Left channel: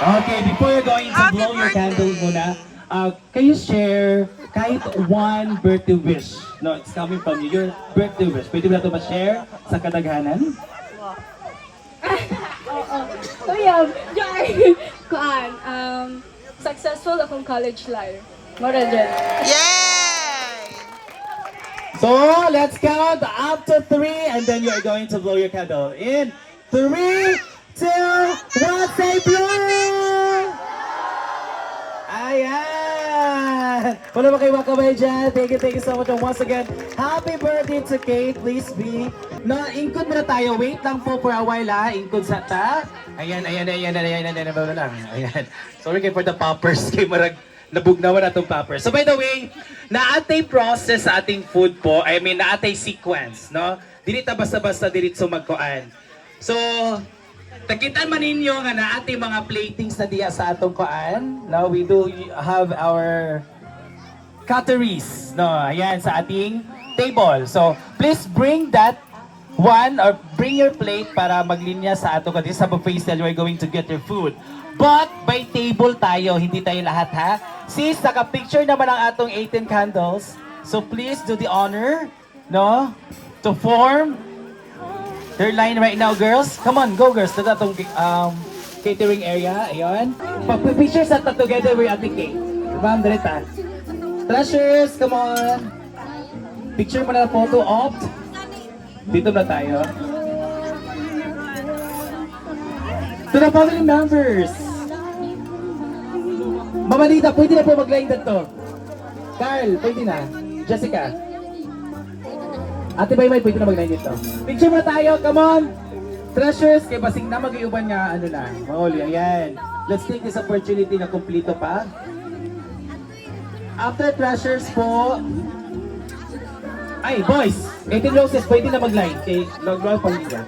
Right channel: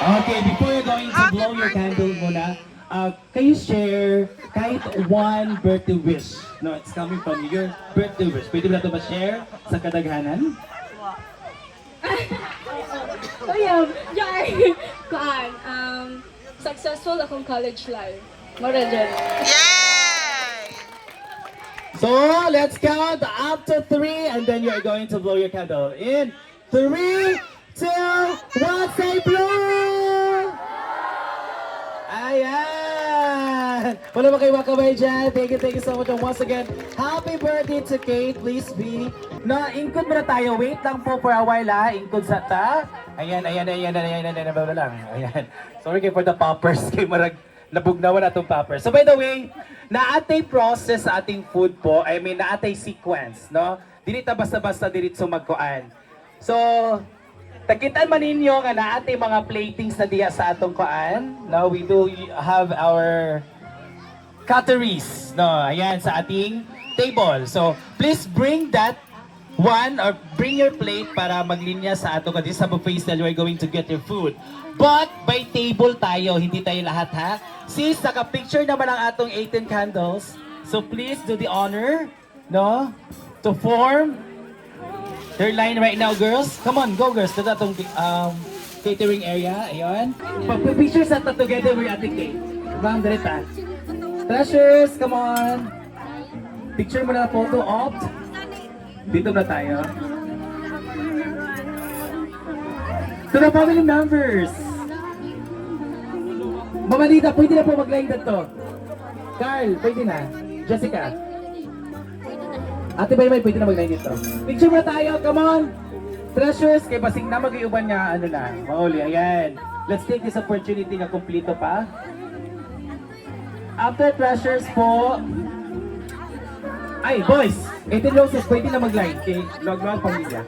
Okay, before you're going to blow your candle muna, can you share kahit one birthday wish? No, it's coming from you. Your birthday wish. Pwede mo na ito ma-share sa kadaghanan? So yeah, kuan, successful akong college life. Mara dyan. So, let's count up to 3 and then you're going to blow your candle. In 3, 2, 1, say blow! Ayan! Wala ba kayo wakabay dyan? Thank you so much. And once again, happy birthday to Kate. Please be. Ingkod muna tayo. Wait lang po for a while ha. Ingkod sa ta. Ayan. Ayan. Sorry kayo for the poppers. Kay marag nabugnawan atong poppers. So by the way, naatay process sa ating food po. I mean, naatay sequence, no? Dili ta basta-basta diritso magkuan. So, takitan man ninyo nga naatay mga platings na diya sa atong kuan. No, we do have our cutleries, no? Ayan sa ating table. So, please bring that one or bring your plate para maglinya sa ato kasi sa buffet style we're going to get your food. But by table tayo, hindi tayo lahat ha. Sis, naka-picture naman ang atong 18 candles. So please do the honor, no? To form their line right now, girls. Come on, go girls. To atong catering area. Ayun. Pag-picture sa ta together with Ate Kate. Ma'am, direta. Treasures, come on. Picture mo na photo opt. Dito na tayo. To the family members. Mama Lita, pwede na po mag-line dito. Carl, pwede na. Jessica. Ate Baymay, pwede na mag-line dito. Picture mo tayo, come on. Treasures, kay basing na mag-iuban niya, ano na. Mauli, ayan. Let's take this opportunity na kumplito pa. After treasures po, ay, boys! 18 roses, pwede na mag-line. Kay Log-Log Pamilya.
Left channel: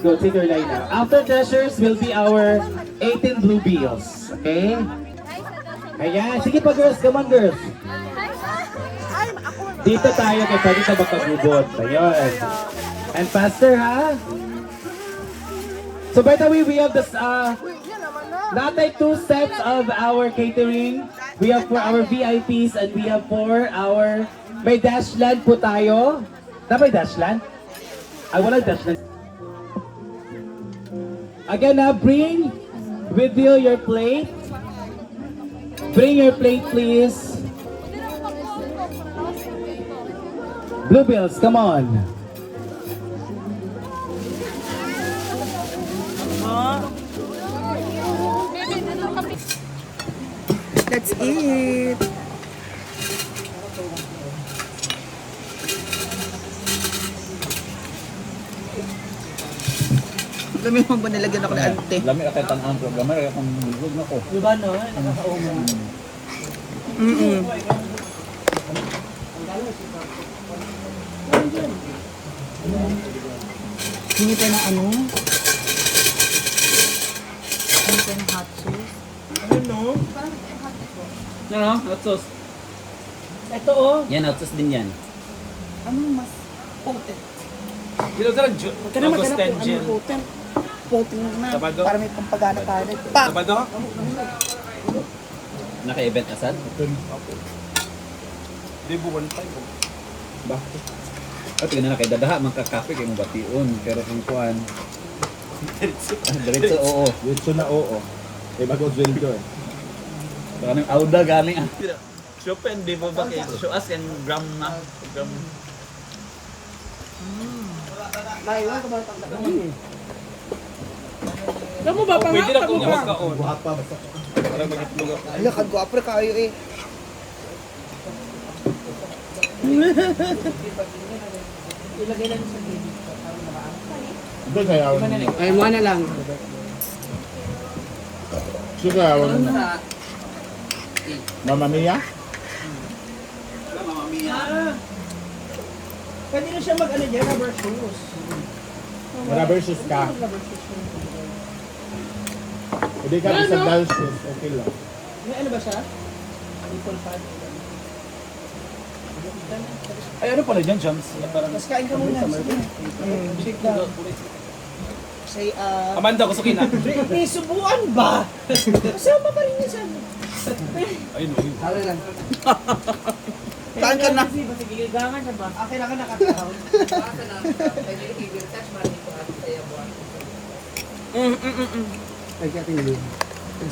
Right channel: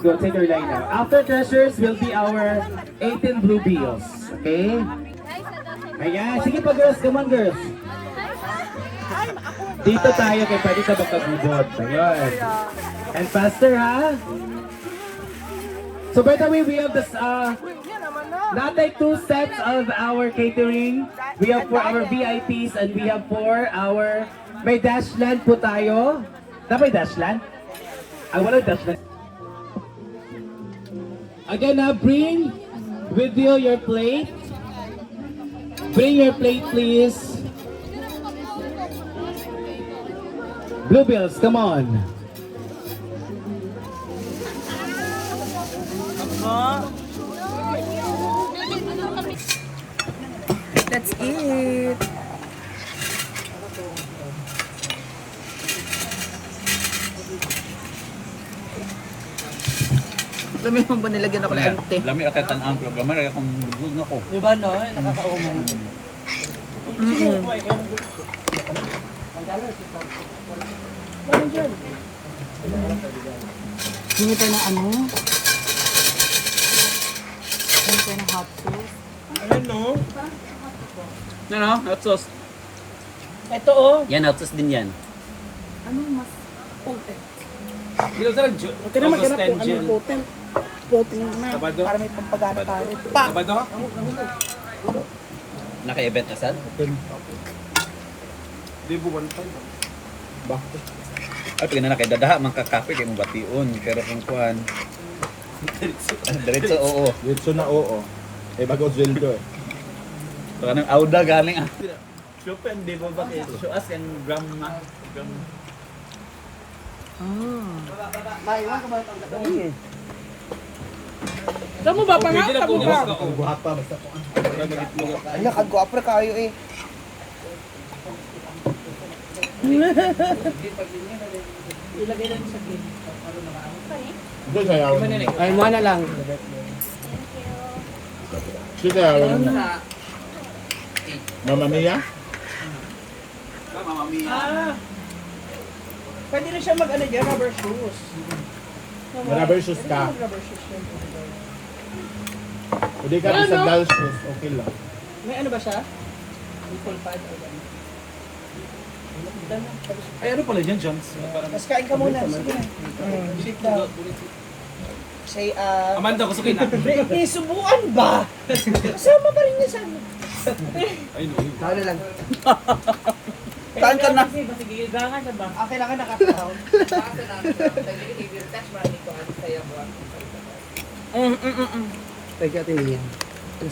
We'll take your line now. After treasures will be our 18 blue bills. Okay? Ayan. Sige pa, girls. Come on, girls. Dito tayo kay pwede sa makabubot. Ayun. And faster, ha? So, by the way, we have this, not like 2 sets of our catering. We have for our VIPs and we have for our may dashland po tayo. Na may dashland? Ay, wala dashland. Again, bring with you your plate. Bring your plate, please. Bluebills, come on. That's it. Lami mo ba nilagyan ako ng ante? Lami ka tan ang programa kaya kung bulog na ko. Diba no? Nakakaumo. Hindi pa ng ano? Hindi pa ng hot sauce? Ano? Hot sauce. Ito oh. Yan, hot sauce din yan. Anong mas potent? Dito sa Kaya maghanap kung anong potent. Potent na. Sabado? Para may pampagana tayo. Pa! Sabado ka? Naka-event ka sad? Di buwan pa. Ba? Ay, pag na nakidadaha, magkakape kayo mong bation. Pero kung kuhan, diretso, oo. Dito na oo. Eh bago Zeldo eh. So, anong auda galing ah. Chopin, di ba ba kayo? So, as in gram na. Gram. Maiwan ka ba pang gabi? Alam mo ba, Pwede na kung iwas ka. Guhapa basta. Ano, kagwapre kayo eh. Doon kaya. Ay, mo na lang. Sige, Mama Mia? Pwede rin siya mag-ano dyan, rubber shoes. Rubber shoes ka. Hindi ka sa girls shoes. Okay lang. May ano ba siya? Ay, ano pala dyan, Jams? Tapos kain ka muna. Sige. Shake down. Say, Amanda, gusto kita. may subuan ba? Kasama pa rin niya sa ano. Ano lang. Kain ka na. Kailangan nakatawa. Teka, tingin.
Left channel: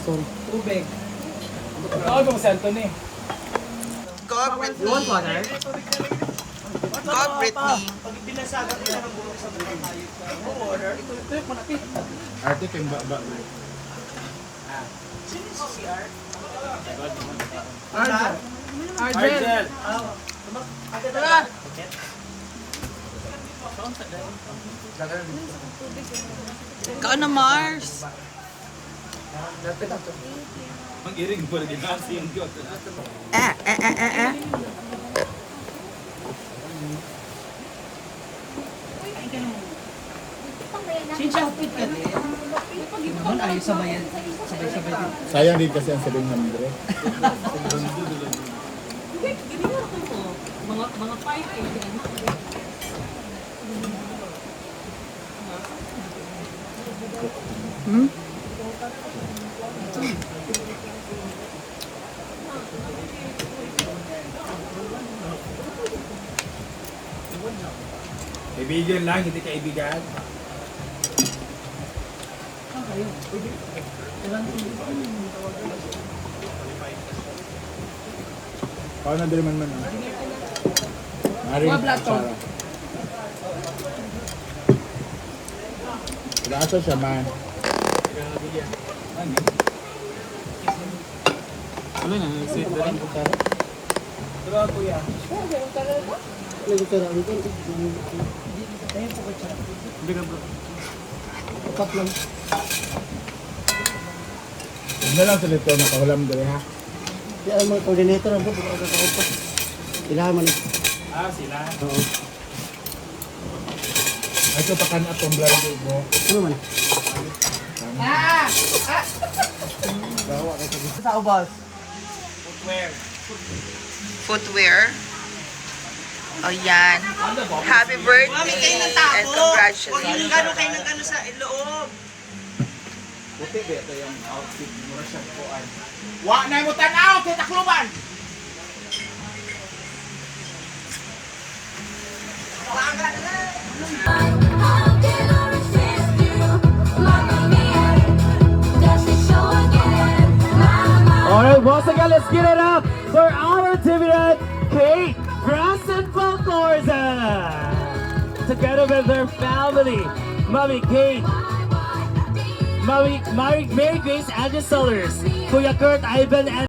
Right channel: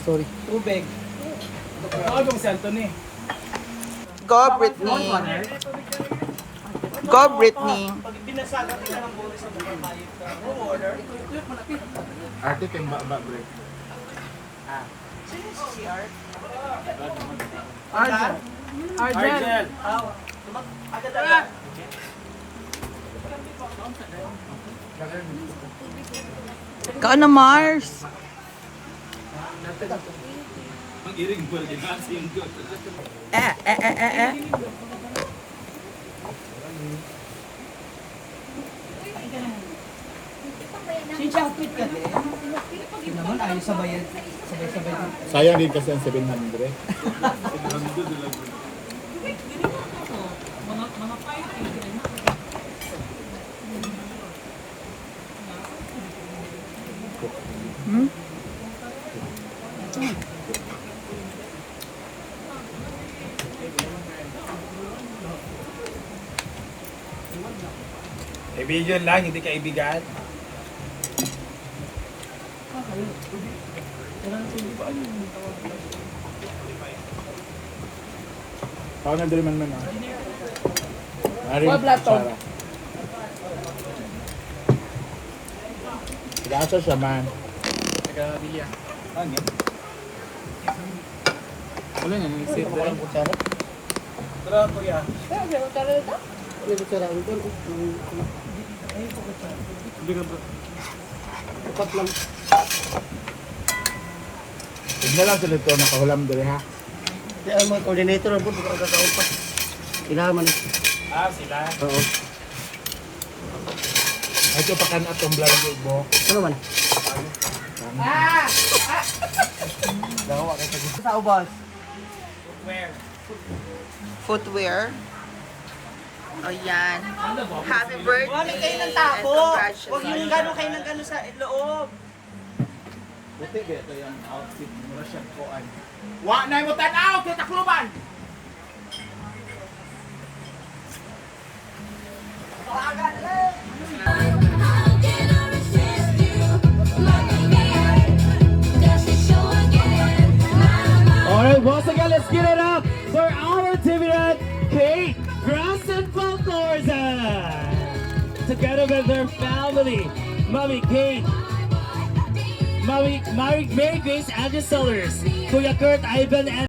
Sorry. Tubig. Ano mo si Anthony? Go, Britney. Go, Britney. Ate kay ba bro. Argel. Kaan na, Mars. Mag-iring po rin si yung God. Sayang din kasi ang 700. Kaibigan lang, hindi kaibigan. Paano din man ah? Naring. Lasa siya man. Ano na, isip ko lang. Grabe po yan. Tignan lang sila ito, nakahulam doon ha. Kaya ang mga coordinator ang buto, kakaon pa. Ilaman. Sila. Oo. Medyo pa ka na itong vlog mo. Ano man? Sa ubas. Footwear. O yan. Happy birthday and congratulations. Gano'n kayo ng gano'n sa loob. Buti ba ito yung outfit mo siya kuan. Wa na mo tanaw, kita kluban! Alright, once again, let's get it up for our Dividend Kate Brassen Falcorza. Together with their family, Mommy Kate, Mary Grace, Angel Sellers, Kuya Kurt, Ivan, and